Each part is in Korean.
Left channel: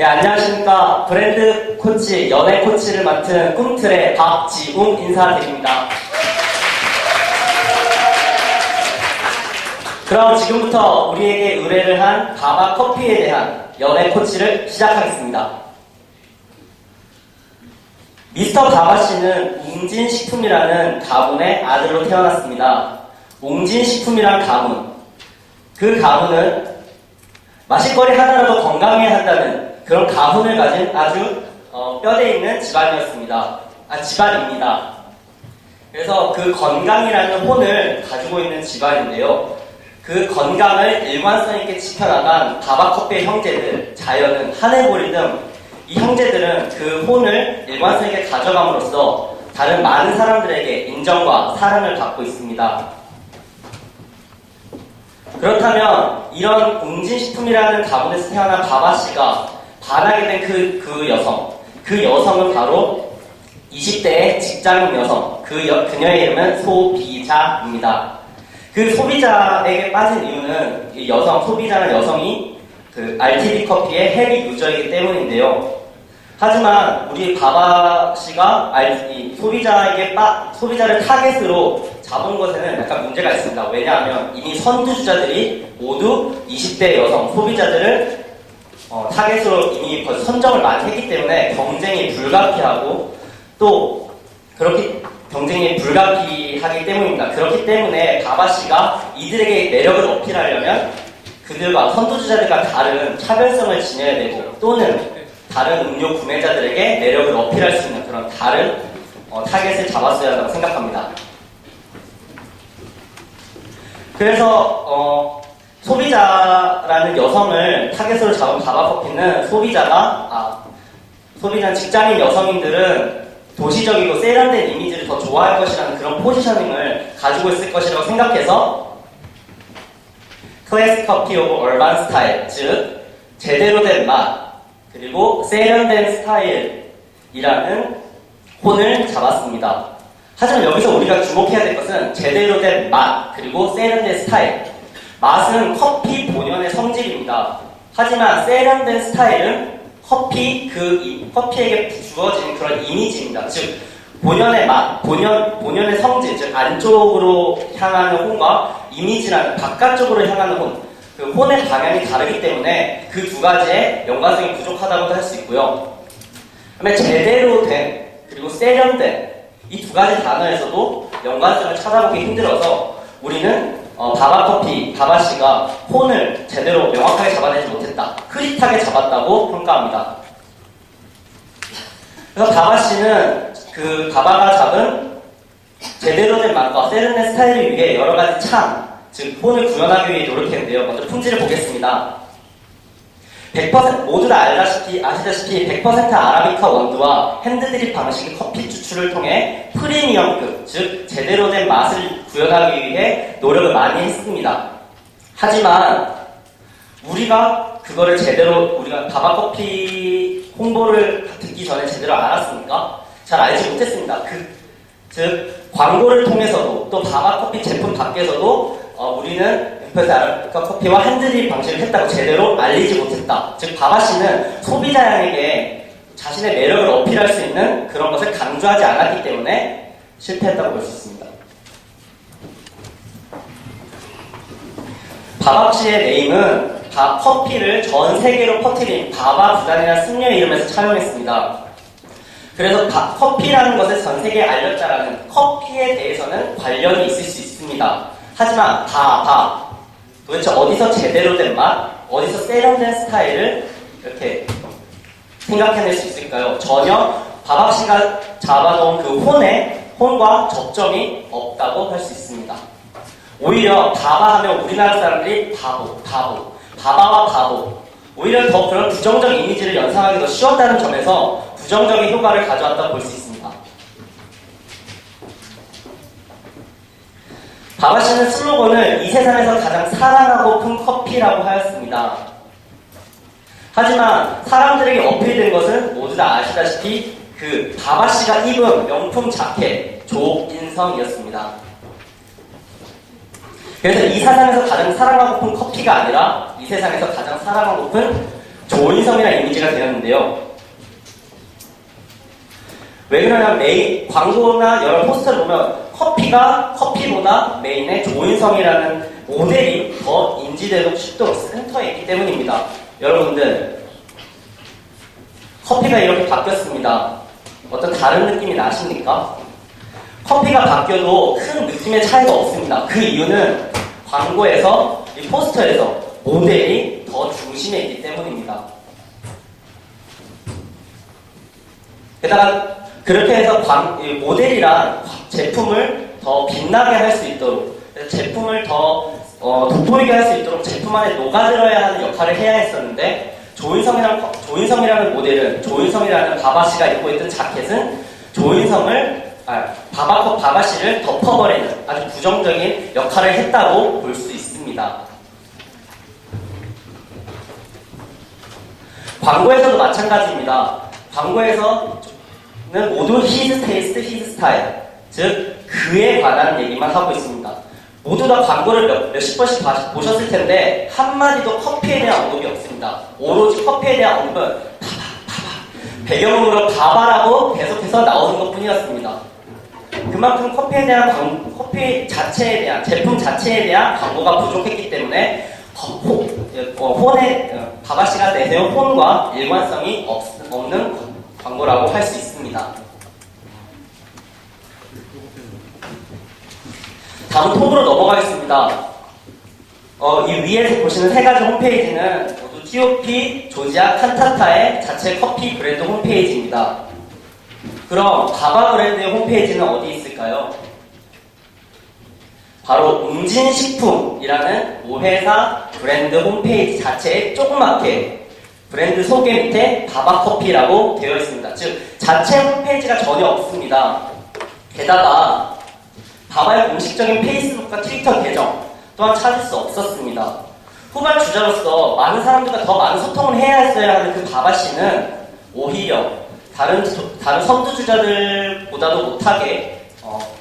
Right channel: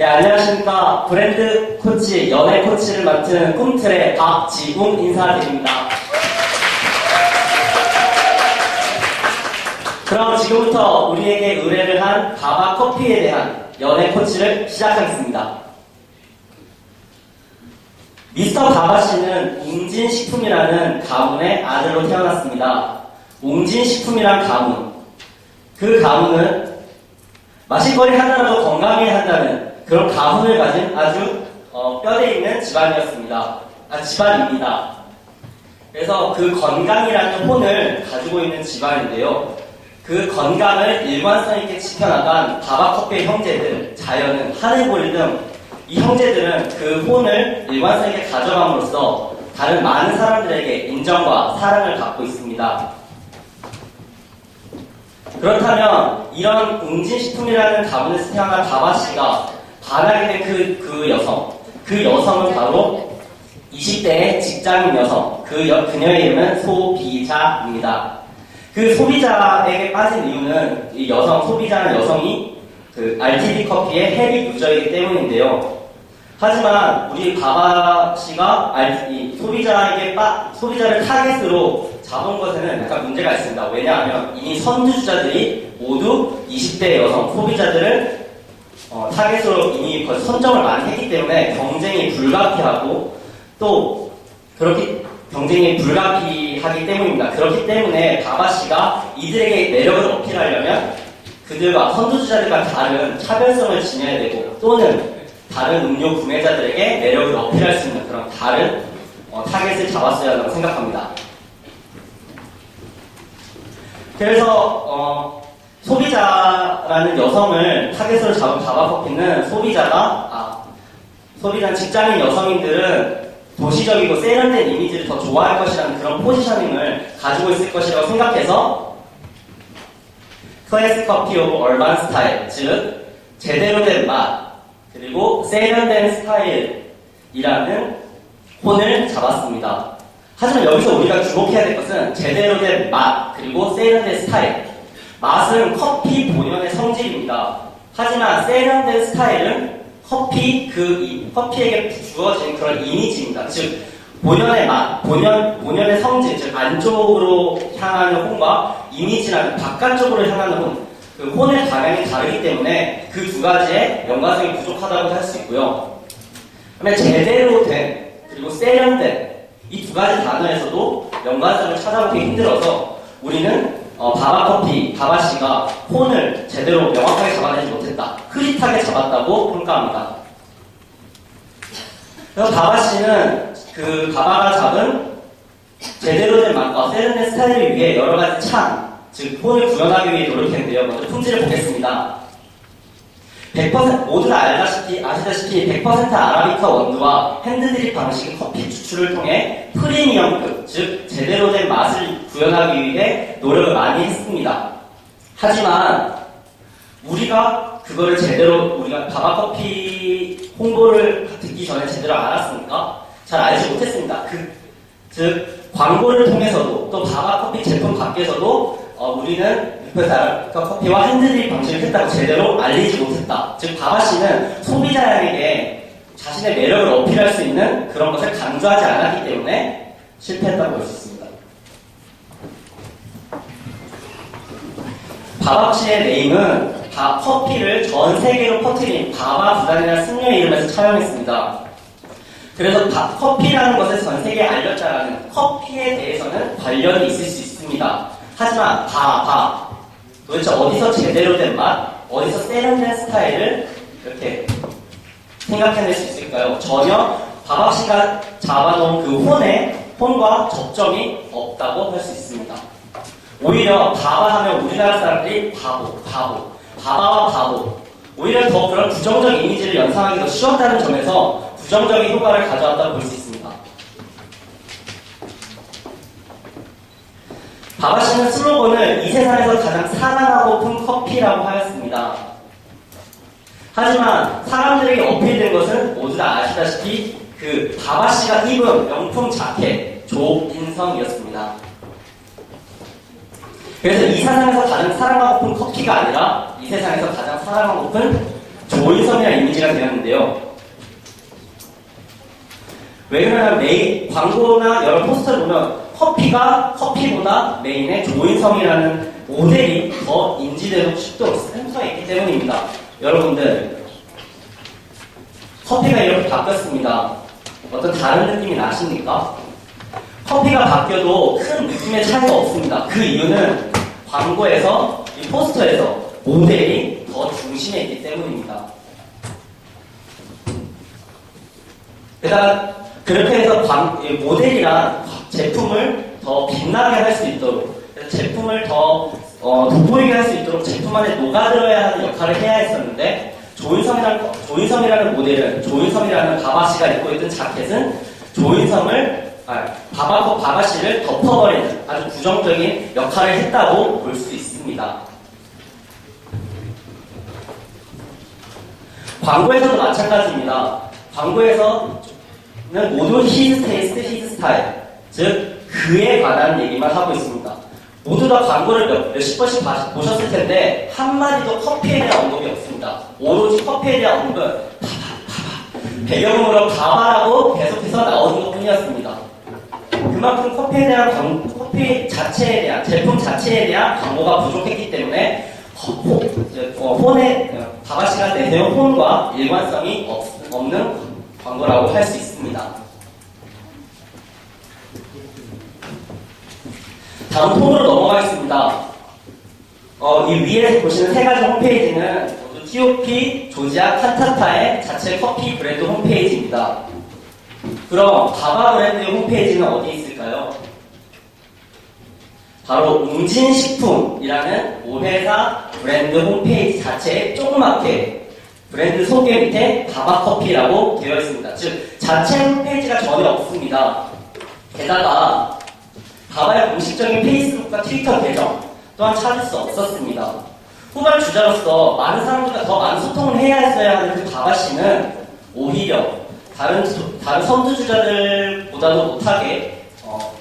네, 안녕하십니까. 브랜드 코치, 연예 코치를 맡은 꿈틀의 박지웅 인사드립니다. 그럼 지금부터 우리에게 의뢰를 한 가바 커피에 대한 연예 코치를 시작하겠습니다. 미스터 가바 씨는 웅진식품이라는 가문의 아들로 태어났습니다. 웅진식품이란 가문. 그 가문은 마실거리 하나라도 건강해야 한다는 그런 가문을 가진 아주 뼈대 있는 집안이었습니다. 집안입니다. 그래서 그 건강이라는 혼을 가지고 있는 집안인데요. 그 건강을 일관성 있게 지켜나간 가바커피의 형제들, 자연은, 하늘보리 등 이 형제들은 그 혼을 일관성 있게 가져감으로써 다른 많은 사람들에게 인정과 사랑을 받고 있습니다. 그렇다면 이런 웅진식품이라는 가문에서 태어난 가바씨가 반하게 된 그 여성은 바로 20대의 직장인 여성, 그녀의 이름은 소비자입니다. 그 소비자에게 빠진 이유는 이 소비자라는 여성이 그 RTD 커피의 헤비 유저이기 때문인데요. 하지만 우리 가바씨가 소비자를 타겟으로 잡은 것에는 약간 문제가 있습니다. 왜냐하면 이미 선두주자들이 모두 20대 여성 소비자들을 타겟으로 이미 벌써 선정을 많이 했기 때문에 경쟁이 불가피하고 또 경쟁이 불가피하기 때문입니다. 그렇기 때문에 가바씨가 이들에게 매력을 어필하려면 그들과 선두주자들과 다른 차별성을 지녀야 되고 또는 다른 음료 구매자들에게 매력을 어필할 수 있는 그런 다른 타겟을 잡았어야 한다고 생각합니다. 그래서 소비자라는 여성을 타겟으로 잡은 가바커피는 소비자는 직장인 여성인들은 도시적이고 세련된 이미지를 더 좋아할 것이라는 그런 포지셔닝을 가지고 있을 것이라고 생각해서 클래식 커피 오브 얼반 스타일, 즉 제대로 된 맛 그리고 세련된 스타일이라는 혼을 잡았습니다. 하지만 여기서 우리가 주목해야 될 것은 제대로 된 맛 그리고 세련된 스타일. 맛은 커피 본연의 성질입니다. 하지만 세련된 스타일은 커피에게 주어진 그런 이미지입니다. 즉 본연의 맛, 본연의 성질, 즉 안쪽으로 향하는 혼과 이미지라는 바깥쪽으로 향하는 혼, 그 혼의 방향이 다르기 때문에 그 두 가지의 연관성이 부족하다고 할 수 있고요. 그다음에 제대로 된 그리고 세련된 이 두 가지 단어에서도 연관성을 찾아보기 힘들어서 우리는 가바씨가 혼을 제대로 명확하게 잡아내지 못했다. 흐릿하게 잡았다고 평가합니다. 그래서 가바씨는 가바가 잡은 제대로 된 맛과 세련된 스타일을 위해 여러 가지 즉 혼을 구현하기 위해 노력했는데요. 먼저 품질을 보겠습니다. 100% 모두 다 아시다시피 100% 아라비카 원두와 핸드드립 방식의 커피 추출을 통해 프리미엄급, 즉 제대로 된 맛을 구현하기 위해 노력을 많이 했습니다. 하지만 우리가 가바커피 홍보를 듣기 전에 제대로 알았습니까? 잘 알지 못했습니다. 즉 광고를 통해서도 또 가바커피 제품 밖에서도 우리는 커피와 핸드드립 방식을 했다고 제대로 알리지 못했다. 즉 가바씨는 소비자에게 자신의 매력을 어필할 수 있는 그런 것을 강조하지 않았기 때문에 실패했다고 볼 수 있습니다. 가바씨의 네임은 커피를 전 세계로 퍼뜨린 가바 구단이라는 승려의 이름에서 차용했습니다. 그래서 커피라는 것을 전 세계에 알렸다라는 커피에 대해서는 관련이 있을 수 있습니다. 하지만 도대체 어디서 제대로 된 맛, 어디서 세련된 스타일을 이렇게 생각해낼 수 있을까요? 전혀 가바씨가 잡아놓은 그 혼과 접점이 없다고 할 수 있습니다. 오히려 가바 하면 우리나라 사람들이 바바와 바보, 오히려 더 그런 부정적인 이미지를 연상하기 더 쉬웠다는 점에서 부정적인 효과를 가져왔다고 볼 수 있습니다. 가바씨는 슬로건을 이 세상에서 가장 사랑하고픈 커피라고 하였습니다. 하지만 사람들에게 어필된 것은 모두 다 아시다시피 가바씨가 입은 명품 자켓 조인성이었습니다. 그래서 이 세상에서 가장 사랑하고픈 커피가 아니라 이 세상에서 가장 사랑하고픈 조인성이라는 이미지가 되었는데요. 왜 그러냐면 광고나 여러 포스터를 보면 커피보다 메인의 조인성이라는 모델이 더 인지되고 쉽도록 센터에 있기 때문입니다. 여러분들, 커피가 이렇게 바뀌었습니다. 어떤 다른 느낌이 나십니까? 커피가 바뀌어도 큰 느낌의 차이가 없습니다. 그 이유는 광고에서, 이 포스터에서 모델이 더 중심에 있기 때문입니다. 게다가 그렇게 해서 모델이란 제품을 더 빛나게 할 수 있도록, 제품을 더 돋보이게 할 수 있도록 제품 안에 녹아들어야 하는 역할을 해야 했었는데, 조인성이라는 모델은, 조인성이라는 바바씨가 입고 있던 자켓은 바바씨를 덮어버리는 아주 부정적인 역할을 했다고 볼 수 있습니다. 광고에서도 마찬가지입니다. 광고에서는 모두 his taste, his style, 즉 그에 관한 얘기만 하고 있습니다. 모두 다 광고를 몇십 번씩 보셨을 텐데 한마디도 커피에 대한 언급이 없습니다. 오로지 커피에 대한 언급은 배경음으로 바바라고 계속해서 나오는 것 뿐이었습니다. 그만큼 커피 자체에 대한, 제품 자체에 대한 광고가 부족했기 때문에 바바씨가 내세운 혼과 일관성이 없는 광고라고 할 수 있습니다. 다음 톤으로 넘어가겠습니다. 이 위에서 보시는 세 가지 홈페이지는 모두 TOP, 조지아, 칸타타의 자체 커피 브랜드 홈페이지입니다. 그럼 바바 브랜드의 홈페이지는 어디 있을까요? 바로 웅진식품이라는 모회사 브랜드 홈페이지 자체에 조그맣게 브랜드 소개 밑에 바바커피라고 되어 있습니다. 즉 자체 홈페이지가 전혀 없습니다. 게다가 바바의 공식적인 페이스북과 트위터 계정 또한 찾을 수 없었습니다. 후발 주자로서 많은 사람들과 더 많은 소통을 해야 했어야 하는 그 바바씨는 오히려 다른 선두주자들보다도 못하게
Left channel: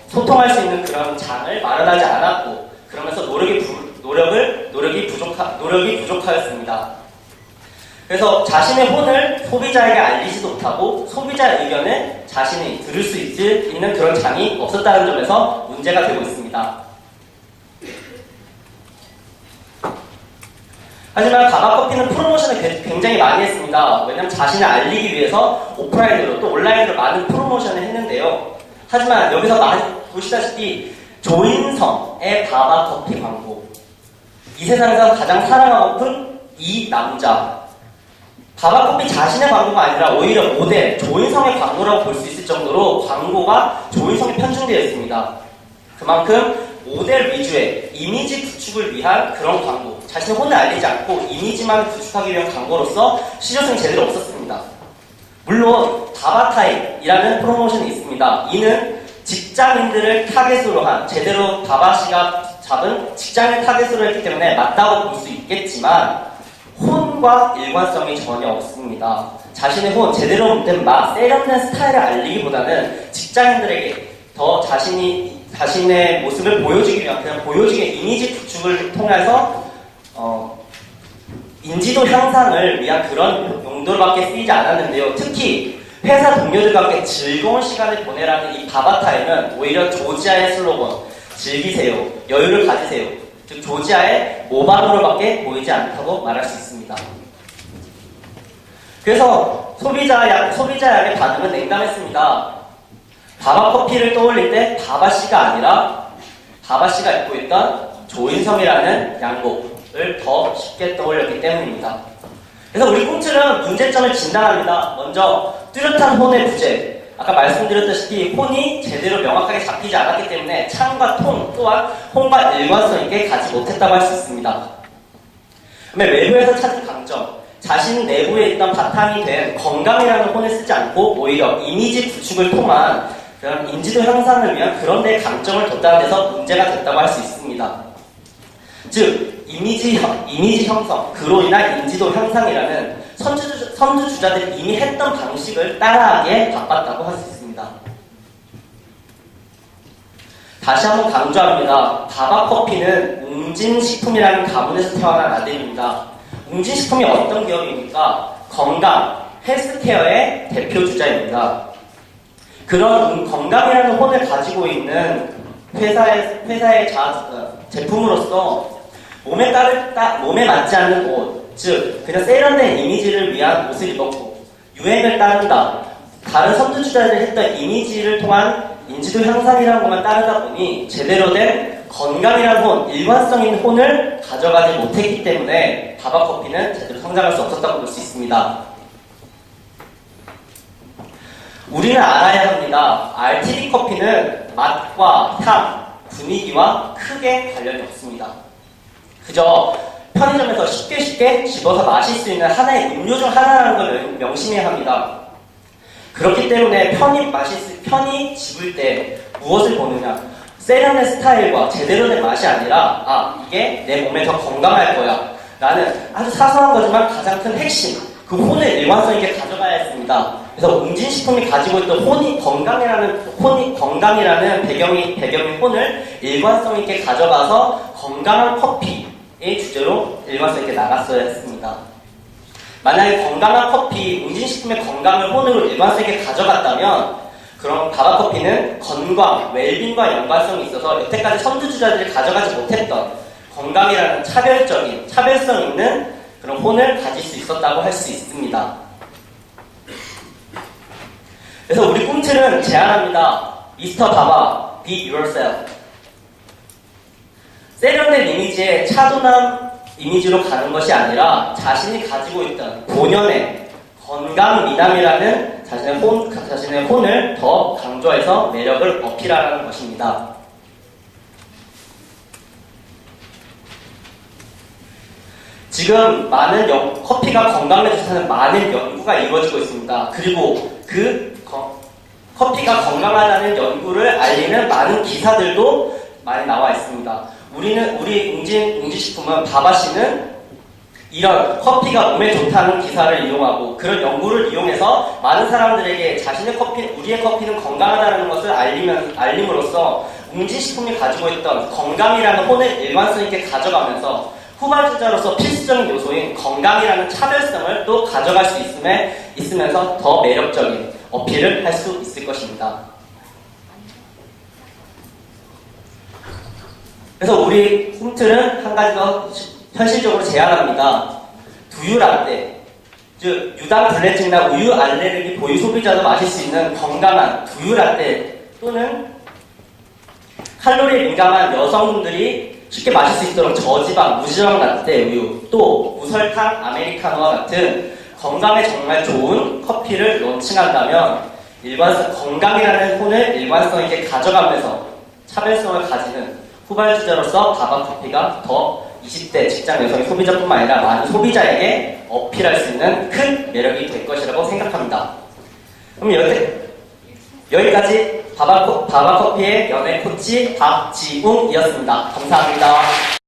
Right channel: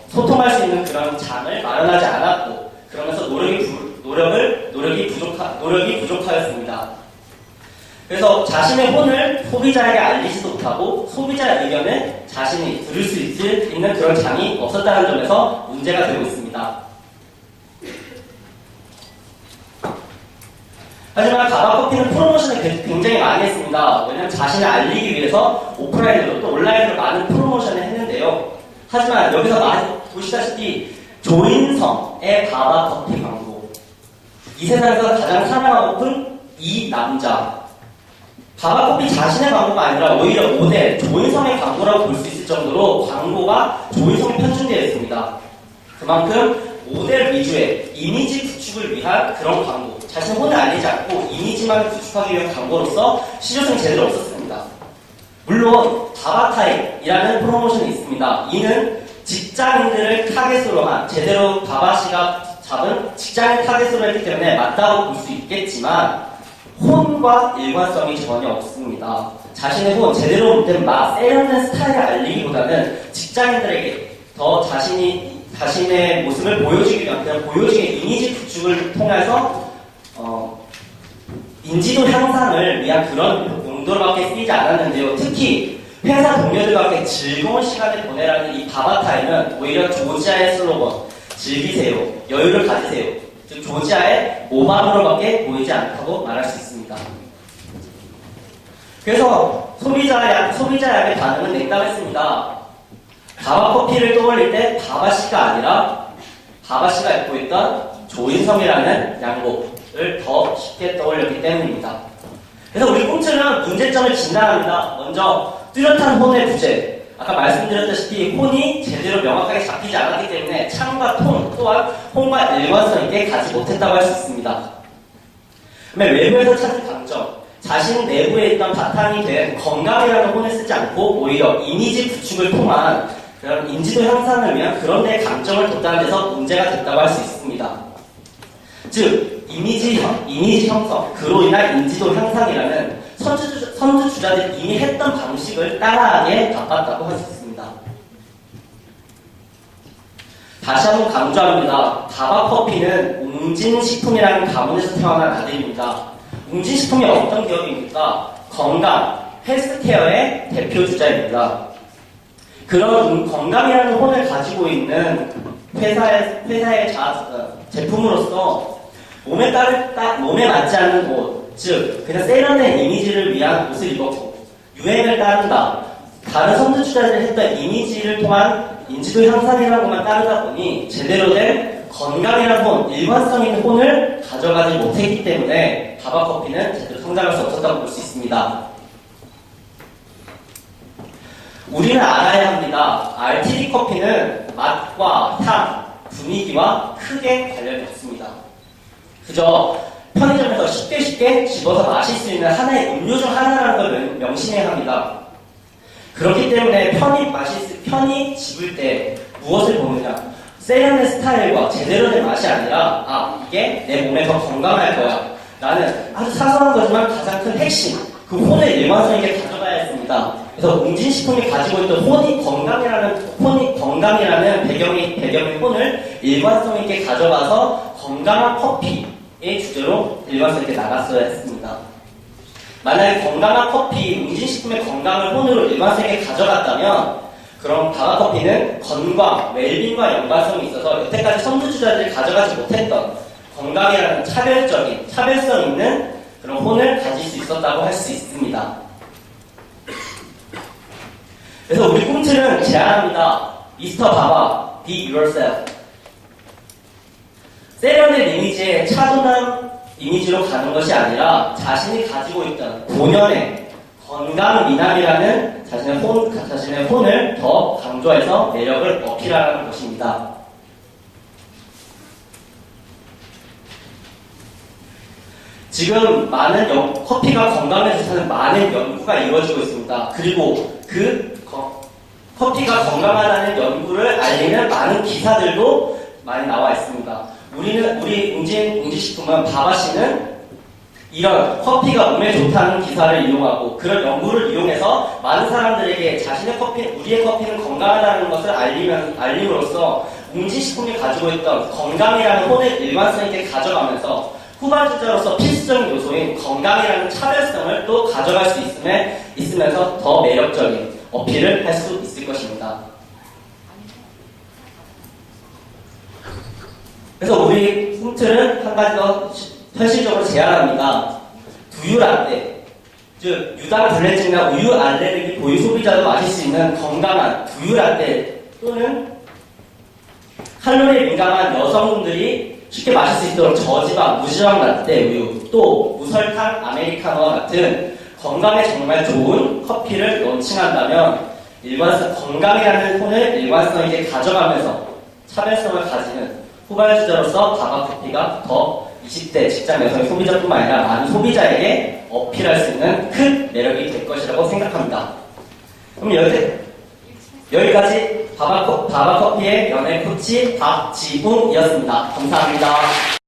소통할 수 있는 그런 장을 마련하지 않았고, 그러면서 노력이 부족하였습니다. 그래서 자신의 혼을 소비자에게 알리지도 못하고 소비자의 의견을 자신이 들을 수 있는 그런 장이 없었다는 점에서 문제가 되고 있습니다. 하지만 바바커피는 프로모션을 굉장히 많이 했습니다. 왜냐하면 자신을 알리기 위해서 오프라인으로 또 온라인으로 많은 프로모션을 했는데요. 하지만 여기서 많이 보시다시피 조인성의 바바커피 광고, 이 세상에서 가장 사랑하고픈 이 남자, 바바커피 자신의 광고가 아니라 오히려 모델 조인성의 광고라고 볼 수 있을 정도로 광고가 조인성에 편중되어 있습니다. 그만큼 모델 위주의 이미지 구축을 위한 그런 광고, 자신의 혼을 알리지 않고 이미지만 구축하기 위한 광고로서 실효성이 제대로 없었습니다. 물론 바바타임이라는 프로모션이 있습니다. 이는 직장인들을 타겟으로 한, 제대로 바바씨가 잡은 직장인 타겟으로 했기 때문에 맞다고 볼 수 있겠지만 혼과 일관성이 전혀 없습니다. 자신의 혼, 제대로 못된 세련된 스타일을 알리기보다는 직장인들에게 더 자신의 모습을 보여주기 위한, 그냥 보여주기의 이미지 구축을 통해서 인지도 향상을 위한 그런 용도로밖에 쓰이지 않았는데요. 특히 회사 동료들과 함께 즐거운 시간을 보내라는 이 바바타임은 오히려 조지아의 슬로건, 즐기세요, 여유를 가지세요, 즉 조지아의 모방으로밖에 보이지 않다고 말할 수 있습니다. 그래서 소비자의 반응은 냉담했습니다. 바바커피를 떠올릴 때 바바씨가 아니라 바바씨가 입고 있던 조인성이라는 양복을 더 쉽게 떠올렸기 때문입니다. 그래서 우리 꽁트는 문제점을 진단합니다. 먼저 뚜렷한 혼의 부재, 아까 말씀드렸다시피 혼이 제대로 명확하게 잡히지 않았기 때문에 창과 톤 또한 혼과 일관성 있게 가지 못했다고 할 수 있습니다. 그다음에 외부에서 찾은 강점, 자신 내부에 있던 바탕이 된 건강이라는 혼을 쓰지 않고 오히려 이미지 구축을 통한 그런 인지도 향상을 위한 그런 데에 강점을 뒀다는 데서 문제가 됐다고 할 수 있습니다. 즉 이미지 형성, 그로 인한 인지도 향상이라는 선두주자들이 이미 했던 방식을 따라하게 바빴다고 할 수 있습니다. 다시 한번 강조합니다. 바바커피는 웅진식품이라는 가문에서 태어난 아들입니다. 웅진식품이 어떤 기업입니까? 건강, 헬스케어의 대표 주자입니다. 그런 건강이라는 혼을 가지고 있는 회사의 제품으로서 몸에 맞지 않는 옷, 즉 그냥 세련된 이미지를 위한 옷을 입었고 유행을 따른다. 다른 선두주자들이 했던 이미지를 통한 인지도 향상이라는 것만 따르다 보니 제대로 된 건강이라는 혼, 일관성 있는 혼을 가져가지 못했기 때문에 바바커피는 제대로 성장할 수 없었다고 볼 수 있습니다. 우리는 알아야 합니다. RTD 커피는 맛과 향, 분위기와 크게 관련이 없습니다. 그저 편의점에서 쉽게 집어서 마실 수 있는 하나의 음료 중 하나라는 걸 명심해야 합니다. 그렇기 때문에 편히 집을 때 무엇을 보느냐? 세련된 스타일과 제대로 된 맛이 아니라 이게 내 몸에 더 건강할 거야 라는 아주 사소한 거지만 가장 큰 핵심, 그 혼을 일관성 있게 가져가야 했습니다. 그래서 웅진식품이 가지고 있던 건강이라는 배경의 혼을 일관성 있게 가져가서 건강한 커피의 주제로 일관성 있게 나갔어야 했습니다. 만약에 건강한 커피, 웅진식품의 건강을 혼으로 일관성 있게 가져갔다면 그럼 바바커피는 건강, 웰빙과 연관성이 있어서 여태까지 선두주자들이 가져가지 못했던 건강이라는 차별성 있는 그런 혼을 가질 수 있었다고 할 수 있습니다. 그래서 우리 꿈틀은 제안합니다. 미스터 바바, be yourself. 세련된 이미지에 차분한 이미지로 가는 것이 아니라 자신이 가지고 있던 본연의 건강 미남이라는 자신의 혼을 더 강조해서 매력을 어필하라는 것입니다. 지금 많은 커피가 건강에 좋다는 많은 연구가 이루어지고 있습니다. 그리고 커피가 건강하다는 연구를 알리는 많은 기사들도 많이 나와 있습니다. 우리 웅진식품은 바바씨는 이런 커피가 몸에 좋다는 기사를 이용하고 그런 연구를 이용해서 많은 사람들에게 우리의 커피는 건강하다는 것을 알림으로써 웅진식품이 가지고 있던 건강이라는 혼을 일관성 있게 가져가면서 후발주자로서 필수적인 요소인 건강이라는 차별성을 또 가져갈 수 있으면서 더 매력적인 어필을 할 수 있을 것입니다. 그래서 우리 꿈틀은 한 가지 더 현실적으로 제안합니다. 두유라떼, 즉 유당 불내증이나 우유 알레르기 보유 소비자도 마실 수 있는 건강한 두유라떼 또는 칼로리에 민감한 여성분들이 쉽게 마실 수 있도록 저지방, 무지방 라떼 우유, 또 무설탕 아메리카노와 같은 건강에 정말 좋은 커피를 론칭한다면 건강이라는 혼을 일관성 있게 가져가면서 차별성을 가지는 후발주자로서 바바커피가 더 20대 직장 여성 소비자뿐만 아니라 많은 소비자에게 어필할 수 있는 큰 매력이 될 것이라고 생각합니다. 그럼 여기까지 바바커피의 연애 코치 박지웅이었습니다. 감사합니다.